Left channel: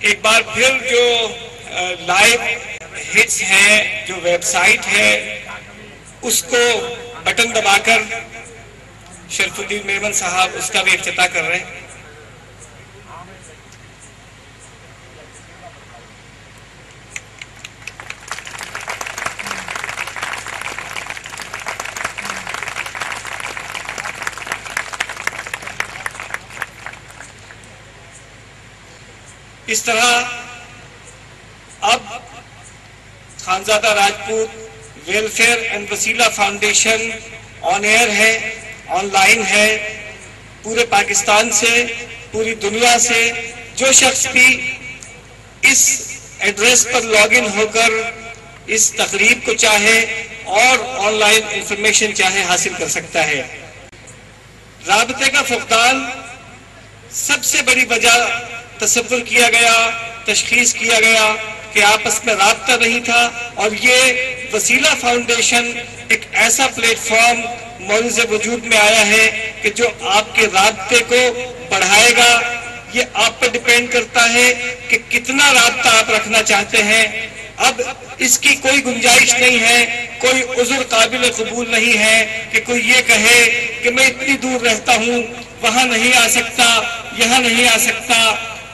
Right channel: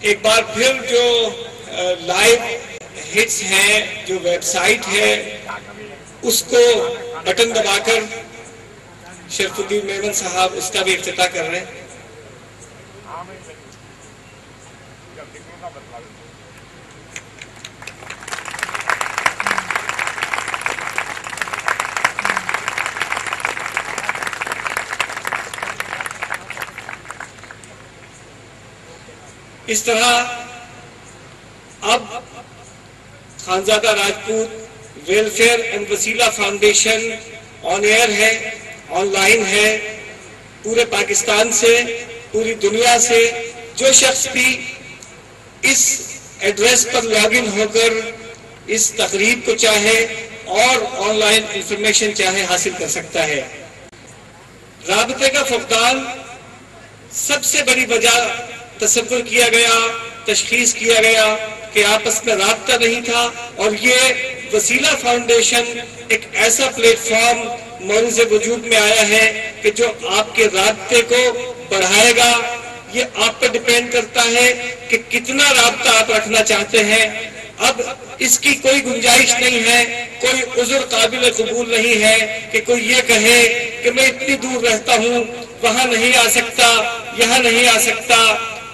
ایک بار پھر جو لائیو ہٹس ہیں، جو ویب سائٹ ہے، اس کو بٹن دبا کر شرف الدین میمن صاحب اس کا بھی افتتاح کر رہے ہیں۔ اس طرح اب خانزادہ راجپوت ویلفیئر اینڈ وسیلہ فاؤنڈیشن آن ایئر ہے، آن لائن ہے، پورے پاکستان سے، پوری دنیا سے جو شخص بھی اس ایڈریس پر لاگ ان ہو کر اس تقریب کو چاہے اور آن لائن انفارمیشن چاہے حاصل کر سکتا ہے۔ رابطے کا فقدان سب سے بڑی وجہ تصور کیا گیا، تشخیص کیا گیا کہ آپس میں رابطہ نہیں تھا، اور یہ وسیلہ فاؤنڈیشن ایک ایسا پلیٹ فارم معرض وجود میں آیا ہے کہ جو آپ کے رابطے کو بڑھائے گا۔ یہ آپ پر ڈیپینڈ کرتا ہے کہ کتنا رابطہ آپ رکھنا چاہتے ہیں۔ اب اس کی کوئی گنجائش نہیں ہے، کوئی عذر قابل قبول نہیں ہے کہ کوئی یہ کہے کہ میں اتنی دور رہتا ہوں، وہاں نہیں آ سکتا، یہاں نہیں آ سکتا۔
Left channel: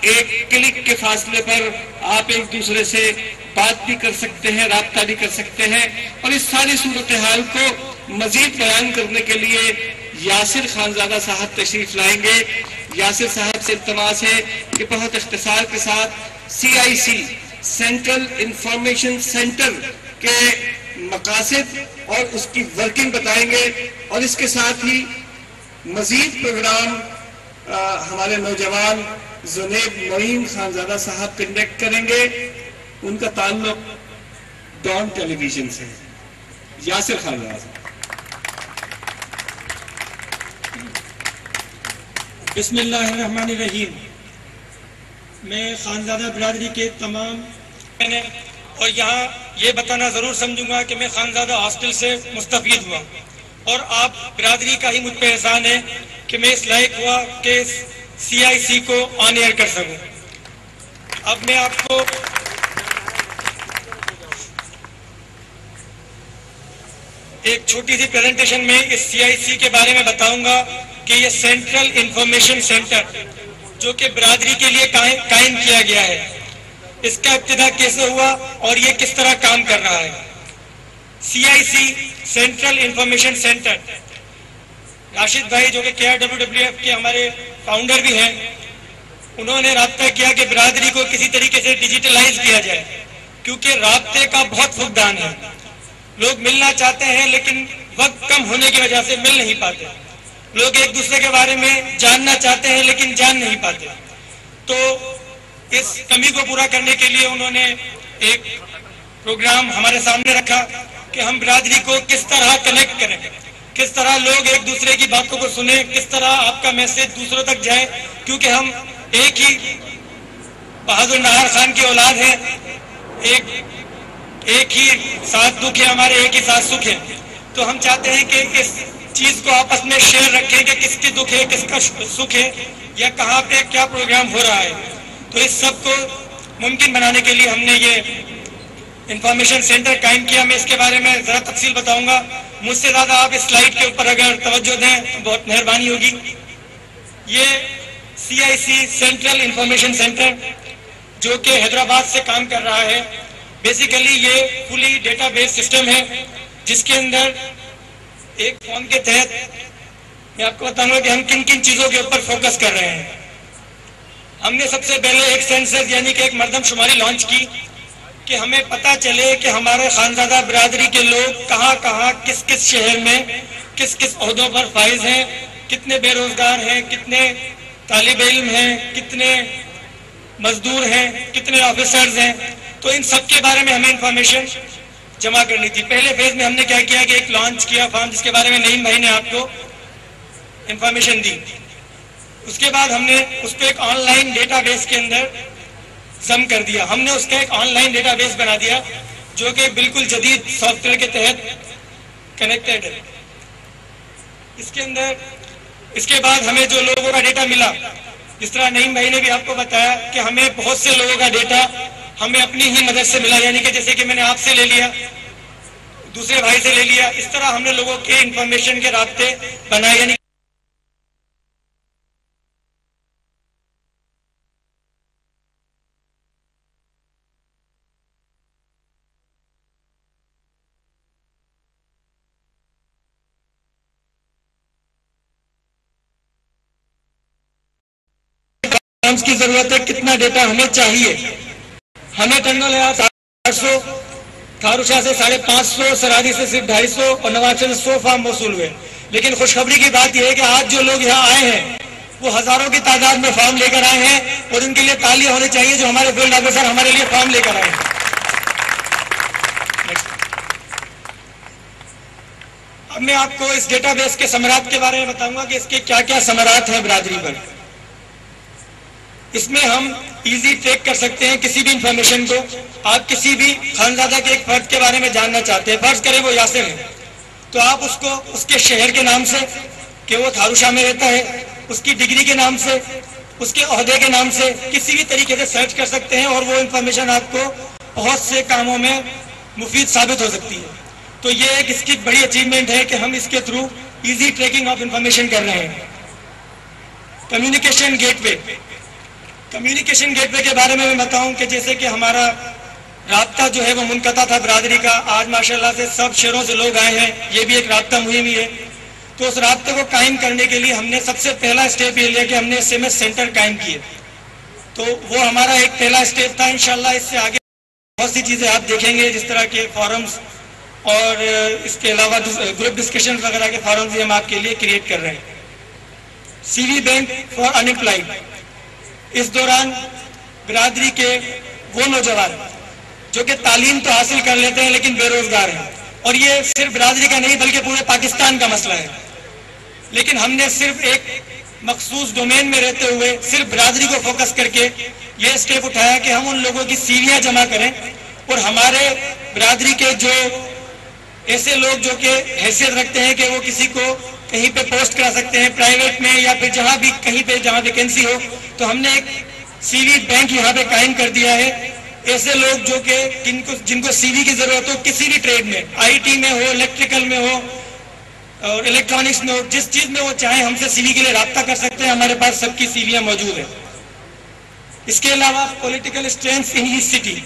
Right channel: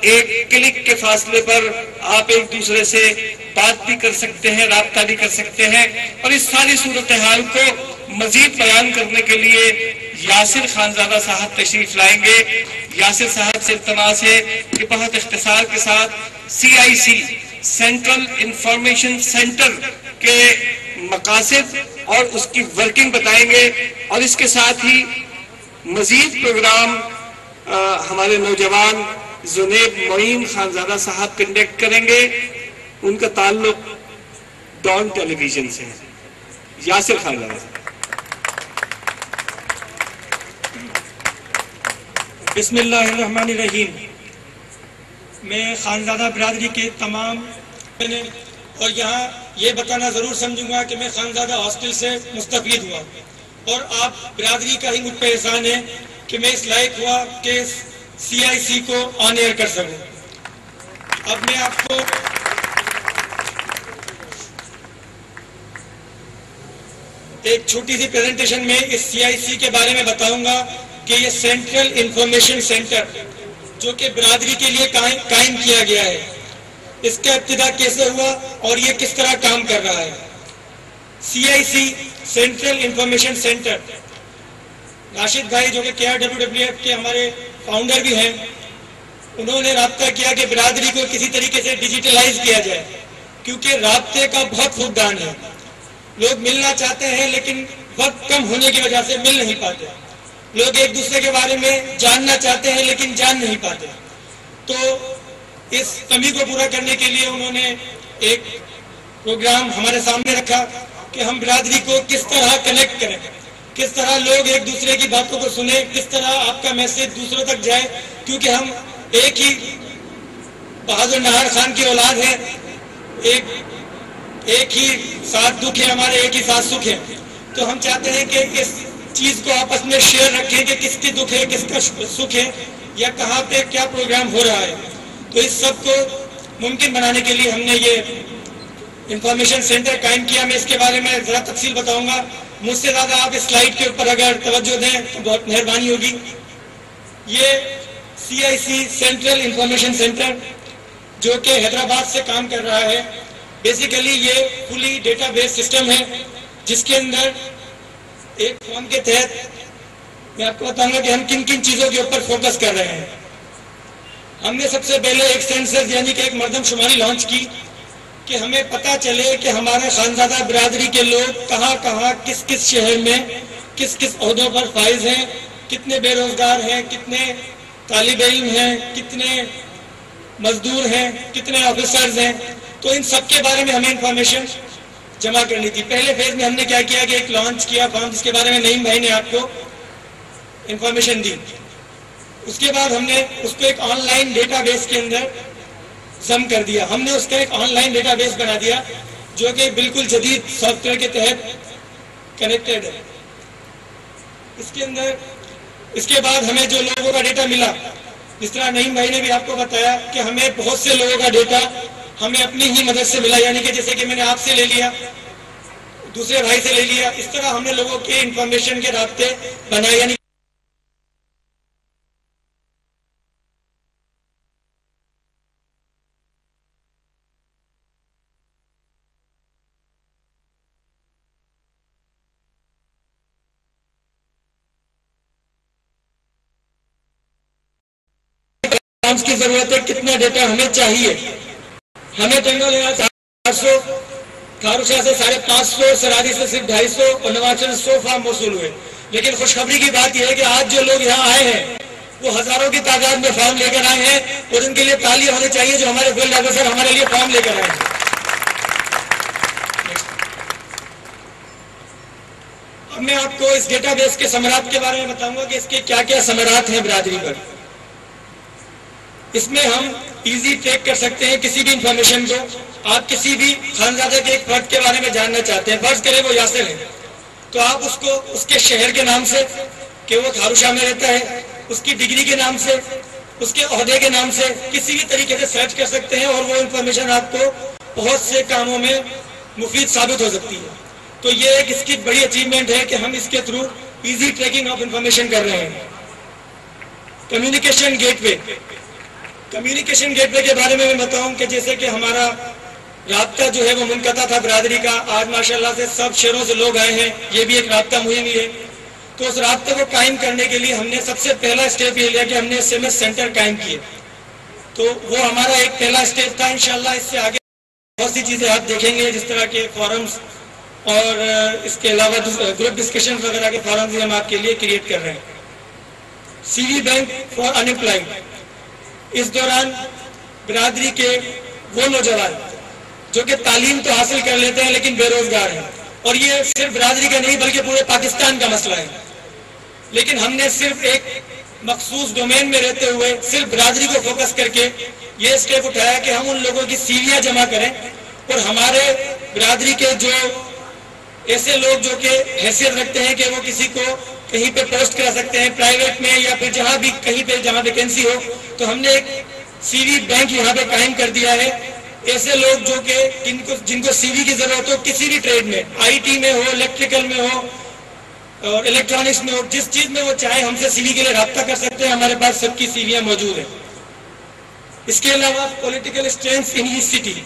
ایک کلک کے فاصلے پر آپ ایک دوسرے سے بات بھی کر سکتے ہیں، رابطہ بھی کر سکتے ہیں۔ اور اس ساری صورتحال کو مزید بیان کرنے کے لیے یاسر خانزادہ صاحب تشریف لائیں گے۔ یاسر صاحب سے التماس ہے کہ بہت اختصار کے ساتھ CIC سینٹرل انفارمیشن سینٹر کے مقاصد اور اس کی ورکنگ بتائیں گے، اور اس کے ساتھ ہی مزید پروگرام ہمارے نوجوان زنیب معین خانزادہ صاحب کنڈکٹ کریں گے۔ ان کا تعلق ڈان ٹیلی ویژن سے۔ یاسر خانزادہ صاحب۔ بسم اللہ الرحمن الرحیم۔ میں خانزادہ برادری کے تمام اور یہاں یہ بتانا ضرور سمجھوں گا کہ میں خانزادہ ہاسٹل سے مستفید ہوا، اور آپ برادری کا ہی مجھ پہ احسان ہے کہ میں اس لائق ہوا کہ CIC کو آن ایئر کر سکوں۔ اب میں آپ کو ایک چھوٹی سی پریزنٹیشن میں اس CIC کے بارے میں بتاؤں گا کہ یہ سینٹرل انفارمیشن سینٹر جو کہ برادری کے لیے قائم کیا گیا ہے، اس کا ابتدا کیسے ہوا اور یہ کس طرح کام کر رہا ہے۔ CIC central information centre, Rashid بھائی جو کہ KRWWF کے ہمارے فاؤنڈر بھی ہیں، انہوں نے رابطہ کیا کہ برادری کو کسی طریقے سے ڈیجیٹلائز کیا جائے، کیونکہ رابطے کا بہت فقدان ہے۔ لوگ ملنا چاہتے ہیں لیکن وقت کم ہونے کی وجہ سے مل نہیں پاتے۔ لوگ ایک دوسرے کے بارے میں جاننا چاہتے ہیں لیکن جان نہیں پاتے۔ تو اس کمی کو پورا کرنے کے لیے انہوں نے ایک پروگرام ہمارے سامنے رکھا کہ ہم برادری کو کس طرح کنیکٹ کریں، کس طرح لوگ ایک دوسرے کی باتوں کو سنیں، کس طرح آپ کا میسج دوسروں تک جائے، کیونکہ ہم ایک ہی بہادر نہار خان کی اولاد ہیں، ایک ہی ساتھ دکھ ہے ہمارے، ایک ہی ساتھ سکھ ہے۔ تو ہم چاہتے ہیں کہ اس چیز کو آپس میں شیئر رکھیں کہ کس کی دکھ ہے، کس کا سکھ ہے، یا کہاں پہ کیا پروگرام ہو رہا ہے۔ تو اس سب کو ممکن بنانے کے لیے ہم نے یہ انفارمیشن سینٹر قائم کیا۔ میں اس کے بارے میں ذرا تفصیل بتاؤں گا، مجھ سے زیادہ آپ اس سلائیڈ کے اوپر اگر توجہ دیں تو بہت مہربانی ہوگی۔ یہ CIC سینٹرل انفارمیشن سینٹر جو کہ حیدرآباد سے کام کر رہا ہے، بیسیکلی یہ فلی ڈیٹا بیس سسٹم ہے جس کے اندر ایک فارم کے تحت میں آپ کو بتاؤں گا کہ ہم کن کن چیزوں کے اوپر فوکس کر رہے ہیں۔ ہم نے سب سے پہلے ایک سینسس یعنی کہ ایک مردم شماری لانچ کی کہ ہمیں پتہ چلے کہ ہمارے خانزادہ برادری کے لوگ کہاں کہاں کس کس شہر میں کس کس عہدوں پر فائز ہیں، کتنے بے روزگار ہیں، کتنے طالب علم ہیں، کتنے مزدور ہیں، کتنے آفیسرز ہیں۔ تو ان سب کے بارے میں ہمیں انفارمیشن جمع کرنی تھی۔ پہلے فیز میں ہم نے کیا کیا کہ ایک لانچ کیا فارم جس کے بارے میں نعیم بھائی نے آپ کو انفارمیشن دی۔ اس کے بعد ہم نے اس کو ایک آن لائن ڈیٹا بیس کے اندر ضم کر دیا۔ ہم نے اس کا ایک آن لائن ڈیٹا بیس بنا دیا جو کہ بالکل جدید سافٹ ویئر کے تحت کنیکٹڈ ہے۔ اس کے اندر اس کے بعد ہمیں جو لوگوں کا ڈیٹا ملا جس طرح نعیم بھائی نے بھی آپ کو بتایا کہ ہمیں بہت سے لوگوں کا ڈیٹا ہمیں اپنی ہی مدد سے ملا، یعنی کہ جیسے کہ میں نے آپ سے لے لیا، دوسرے بھائی سے لے لیا، اس طرح ہم نے لوگوں کے انفارمیشن کے رابطے بنائے، یعنی کی ضرورت ہے، کتنا ڈیٹا ہمیں چاہیے۔ ہمیں ٹنگل ہے 800، تھارو شاہ سے 550، سرادی سے صرف 250 اور نوازشریف سے 100 فارم موصول ہوئے۔ لیکن خوشخبری کی بات یہ ہے کہ آج جو لوگ یہاں آئے ہیں وہ ہزاروں کی تعداد میں فارم لے کر آئے ہیں، اور ان کے لیے تالیاں ہونی چاہیے جو ہمارے فیلڈ آفیسر ہمارے لیے فارم لے کر آئے ہیں۔ اب میں آپ کو اس ڈیٹا بیس کے ثمرات کے بارے میں بتاؤں گا کہ اس کے کیا کیا ثمرات ہیں برادری پر۔ اس میں ہم ایزی ٹریک کر سکتے ہیں کسی بھی انفارمیشن کو۔ آپ کسی بھی خانزادہ کے ایک فرد کے بارے میں جاننا چاہتے ہیں، فرض کریں وہ یاسر ہے، تو آپ اس کو اس کے شہر کے نام سے کہ وہ تھارو شاہ میں رہتا ہے، اس کی ڈگری کے نام سے، اس کے عہدے کے نام سے کسی بھی طریقے سے سرچ کر سکتے ہیں، اور وہ انفارمیشن آپ کو بہت سے کاموں میں مفید ثابت ہو سکتی ہے۔ تو یہ ایک اس کی بڑی اچیومنٹ ہے کہ ہم اس کے through easy tracking of information کر رہے ہیں۔ Communication gateway, communication gateway کے بارے میں بتاؤں کہ جیسے کہ ہمارا رابطہ جو ہے وہ منقطع تھا برادری کا، آج ماشاءاللہ سے سب شہروں سے لوگ آئے ہیں، یہ بھی ایک رابطہ مہم ہی ہے۔ تو اس رابطے کو قائم کرنے کے لیے ہم نے سب سے پہلا اسٹیپ یہ لیا کہ ہم نے SMS سینٹر قائم کیے، تو وہ ہمارا ایک پہلا اسٹیپ تھا۔ انشاءاللہ اس سے آگے بہت سی چیزیں آپ دیکھیں گے، جس طرح کے فورمز اور اس کے علاوہ گروپ ڈسکشن وغیرہ کے فارمز بھی ہم آپ کے لیے کریٹ کر رہے ہیں۔ CV bank for unemployed, اس دوران برادری کے وہ نوجوان جو کہ تعلیم تو حاصل کر لیتے ہیں لیکن بے روزگار ہیں، اور یہ صرف برادری کا نہیں بلکہ پورے پاکستان کا مسئلہ ہے، لیکن ہم نے صرف ایک مخصوص ڈومین میں رہتے ہوئے صرف برادری کو فوکس کر کے یہ اسٹیپ اٹھایا کہ ہم ان لوگوں کی CVیاں جمع کریں، اور ہمارے برادری کے جو ایسے لوگ جو کہ حیثیت رکھتے ہیں کہ وہ کسی کو کہیں پہ پوسٹ کرا سکتے ہیں پرائیویٹ میں یا پھر جہاں بھی کہیں پہ جہاں ویکینسی ہو، تو ہم نے ایک CV بینک یہاں پہ قائم کر دیا ہے۔ ایسے لوگ جو کہ جن کو CV کی ضرورت ہو کسی بھی ٹریڈ میں، IT میں ہو، الیکٹریکل میں ہو اور الیکٹرانکس میں ہو، جس چیز میں وہ چاہیں ہم سے CV کے لیے رابطہ کر سکتے ہیں، ہمارے پاس سب کی CVیاں موجود ہیں۔ اس کے علاوہ political strength in each city,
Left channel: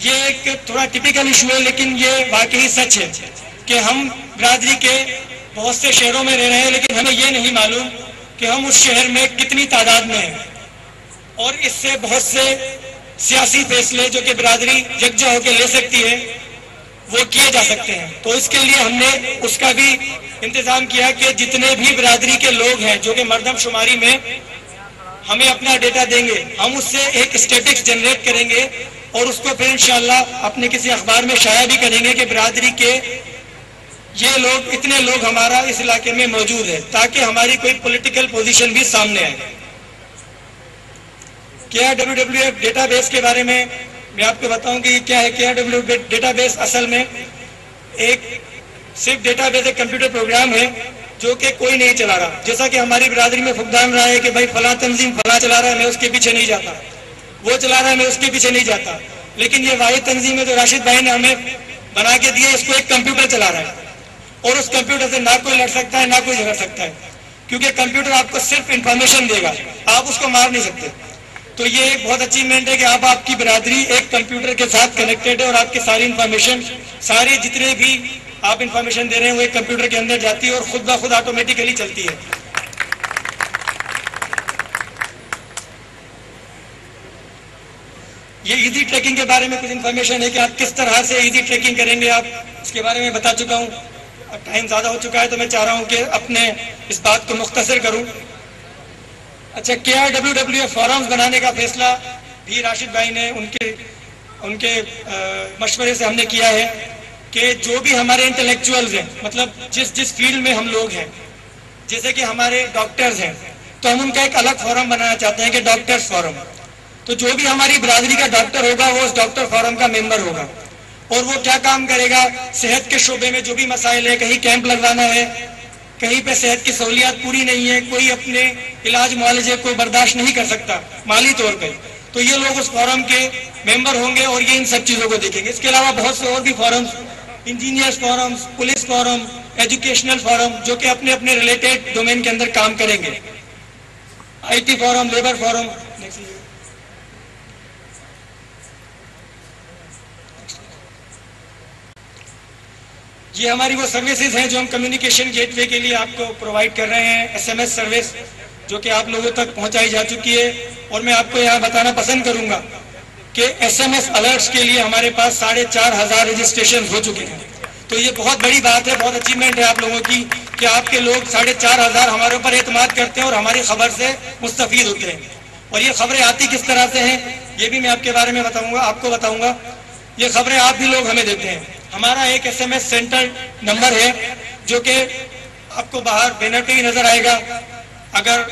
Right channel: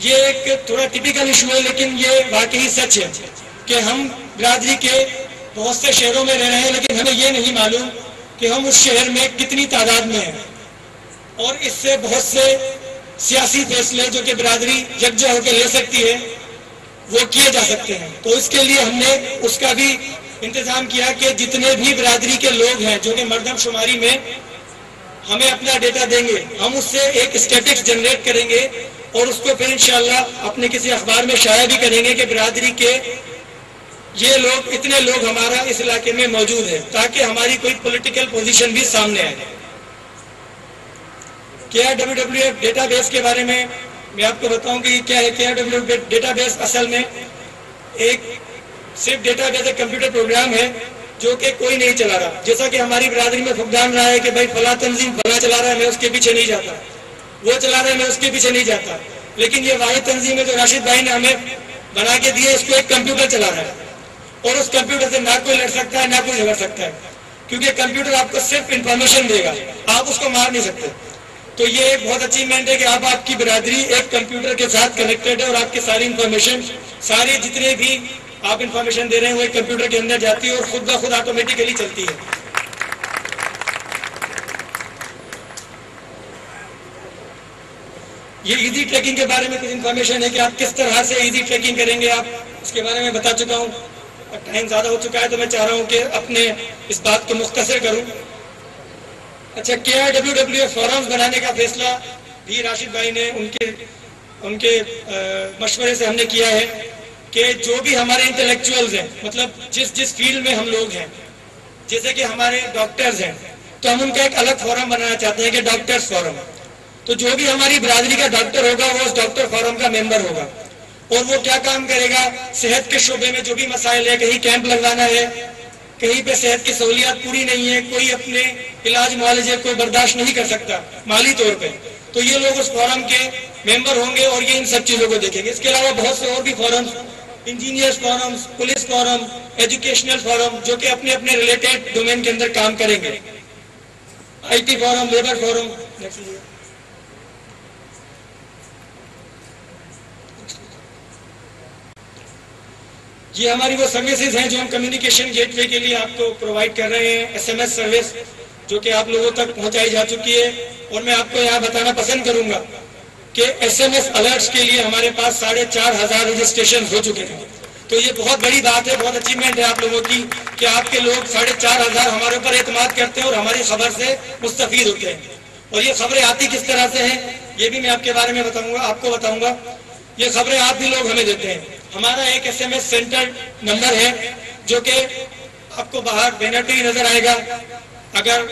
یہ ایک تھوڑا ٹپیکل ایشو ہے لیکن یہ واقعی سچ ہے کہ ہم برادری کے بہت سے شہروں میں رہ رہے ہیں، لیکن ہمیں یہ نہیں معلوم کہ ہم اس شہر میں کتنی تعداد میں ہیں، اور اس سے بہت سے سیاسی فیصلے جو کہ برادری یکجا ہو کے لے سکتی ہے وہ کیے جا سکتے ہیں۔ تو اس کے لیے ہم نے اس کا بھی انتظام کیا کہ جتنے بھی برادری کے لوگ ہیں جو کہ مردم شماری میں ہمیں اپنا ڈیٹا دیں گے، ہم اس سے ایک اسٹیٹکس جنریٹ کریں گے، اور اس کو پھر انشاءاللہ اپنے کسی اخبار میں شائع بھی کریں گے کہ برادری کے یہ لوگ، اتنے لوگ ہمارا اس علاقے میں موجود ہیں، تاکہ ہماری کوئی پولیٹیکل پوزیشن بھی سامنے آئے۔ KRWF ڈیٹا بیس کے بارے میں آپ کو بتاؤں کہ کیا ہے۔ KRWF ڈیٹا بیس اصل میں ایک صرف ڈیٹا بیس ایک کمپیوٹر پروگرام ہے جو کہ کوئی نہیں چلا رہا، جیسا کہ ہماری برادری میں فقدان رہا ہے کہ بھائی فلاں تنظیم فلاں چلا رہا ہے، میں اس کے پیچھے نہیں جاتا، وہ چلا رہا ہے میں اس کے پیچھے نہیں جاتا، لیکن یہ واحد تنظیم ہے جو راشد بھائی نے ہمیں بنا کے دی ہے، اس کو ایک کمپیوٹر چلا رہا ہے، اور اس کمپیوٹر سے نہ کوئی لڑ سکتا ہے نہ کوئی جھگڑ سکتا ہے، کیونکہ کمپیوٹر آپ کو صرف انفارمیشن دے گا، آپ اس کو مار نہیں سکتے۔ تو یہ ایک بہت اچیومنٹ ہے کہ آپ کی برادری ایک کمپیوٹر کے ساتھ کنیکٹڈ ہے، اور آپ کی ساری انفارمیشن، ساری جتنے بھی آپ انفارمیشن دے رہے ہیں وہ ایک کمپیوٹر کے اندر جاتی ہے اور خود بخود آٹومیٹیکلی چلتی ہے۔ یہ ایزی ٹریکنگ کے بارے میں کچھ انفارمیشن ہے کہ آپ کس طرح سے ایزی ٹریکنگ کریں گے، آپ اس کے بارے میں بتا چکا ہوں، ٹائم زیادہ ہو چکا ہے تو میں چاہ رہا ہوں کہ اپنے اس بات کو مختصر کروں۔ اچھا، KRWF فورمز بنانے کا فیصلہ بھی راشد بھائی نے ان کے مشورے سے ہم نے کیا ہے کہ جو بھی ہمارے انٹلیکچوئلز ہیں، مطلب جس فیلڈ میں ہم لوگ ہیں، جیسے کہ ہمارے ڈاکٹرز ہیں، تو ہم ان کا ایک الگ فورم بنانا چاہتے ہیں کہ ڈاکٹرز فورم۔ تو جو بھی ہماری برادری کا ڈاکٹر ہوگا وہ اس ڈاکٹر فورم کا ممبر ہوگا، اور وہ کیا کام کرے گا، صحت کے شعبے میں جو بھی مسائل ہے، کہیں کیمپ لگوانا ہے، کہیں پہ صحت کی سہولیات پوری نہیں ہے, کوئی اپنے علاج معالجے کو برداشت نہیں کر سکتا مالی طور پہ, تو یہ لوگ اس فورم کے ممبر ہوں گے اور یہ ان سب چیزوں کو دیکھیں گے. اس کے علاوہ بہت سے اور بھی forums, engineers forum, police forum, educational forum, جو کہ اپنے اپنے ریلیٹڈ ڈومین کے اندر کام کریں گے, I T forum, labour forum. یہ ہماری وہ سروسز ہیں جو ہم کمیونیکیشن گیٹ وے کے لیے آپ کو پرووائڈ کر رہے ہیں. ایس ایم ایس سروس جو کہ آپ لوگوں تک پہنچائی جا چکی ہے, اور میں آپ کو یہاں بتانا پسند کروں گا کہ ایس ایم ایس الرٹس کے لیے ہمارے پاس 4,500 رجسٹریشن ہو چکے ہیں. تو یہ بہت بڑی بات ہے, بہت اچیومنٹ ہے آپ لوگوں کی کہ آپ کے لوگ 4,500 ہمارے اوپر اعتماد کرتے ہیں اور ہماری خبر سے مستفید ہوتے ہیں. اور یہ خبریں آتی کس طرح سے ہیں یہ بھی میں آپ کے بارے میں بتاؤں گا, آپ کو بتاؤں گا. یہ خبریں آپ بھی لوگ ہمیں دیتے ہیں. ہمارا ایک S M S centre number ہے جو کہ آپ کو باہر بینر پہ ہی نظر آئے گا. اگر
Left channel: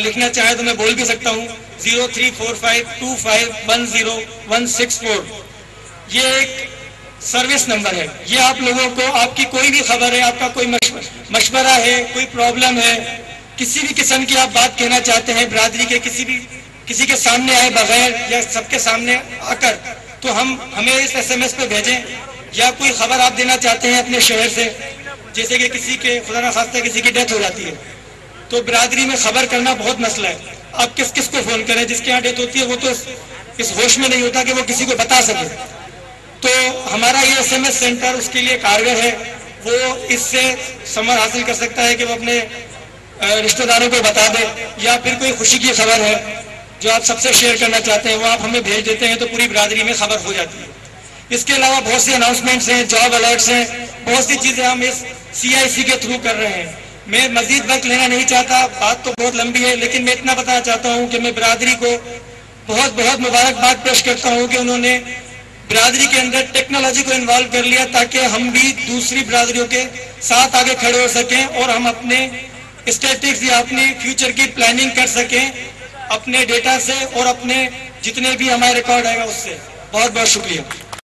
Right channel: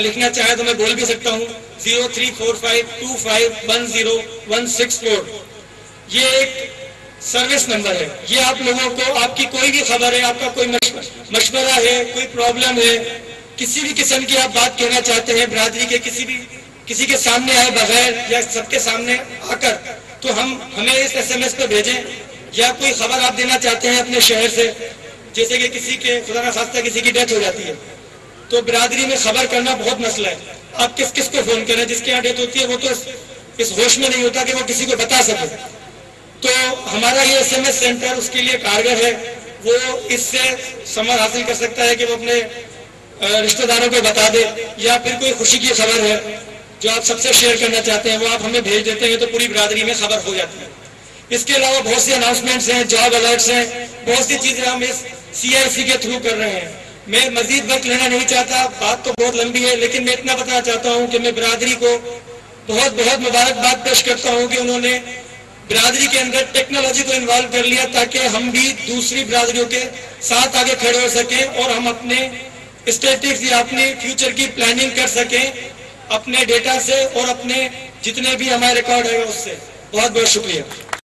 لکھنا چاہیں تو میں بول بھی سکتا ہوں, 034525106164. یہ ایک سروس نمبر ہے. یہ آپ لوگوں کو آپ کی کوئی بھی خبر ہے, آپ کا کوئی مشورہ ہے, کوئی پرابلم ہے, کسی بھی قسم کی آپ بات کہنا چاہتے ہیں برادری کے کسی کے سامنے آئے بغیر یا سب کے سامنے آ کر, تو ہمیں اس ایس ایم ایس پہ بھیجیں. یا کوئی خبر آپ دینا چاہتے ہیں اپنے شہر سے, جیسے کہ کسی کے خدا نخواستہ کسی کی ڈیتھ ہو جاتی ہے, تو برادری میں خبر کرنا بہت مسئلہ ہے. آپ کس کو فون کریں؟ جس کے یہاں ڈیتھ ہوتی ہے وہ تو اس ہوش میں نہیں ہوتا کہ وہ کسی کو بتا سکے. تو ہمارا یہ ایس ایم ایس سینٹر اس کے لیے کارگر ہے. وہ اس سے سمجھ حاصل کر سکتا ہے کہ وہ اپنے رشتہ داروں کو بتا دے, یا پھر کوئی خوشی کی خبر ہے جو آپ سب سے شیئر کرنا چاہتے ہیں وہ آپ ہمیں بھیج دیتے ہیں, تو پوری برادری میں خبر ہو جاتی ہے. اس کے علاوہ بہت سی اناؤنسمنٹس ہیں, جاب الرٹس ہیں, بہت سی چیزیں ہم اس CIC کے تھرو کر رہے ہیں. میں مزید وقت لینا نہیں چاہتا, بات تو بہت لمبی ہے, لیکن میں اتنا بتانا چاہتا ہوں کہ میں برادری کو بہت بہت مبارکباد پیش کرتا ہوں کہ انہوں نے برادری کے اندر ٹیکنالوجی کو انوالو کر لیا, تاکہ ہم بھی دوسری برادریوں کے ساتھ آگے کھڑے ہو سکیں اور ہم اپنے اسٹیٹکس یا اپنی فیوچر کی پلاننگ کر سکیں اپنے ڈیٹا سے اور اپنے جتنے بھی ہمارے ریکارڈ آئے گا اس سے. بہت بہت شکریہ.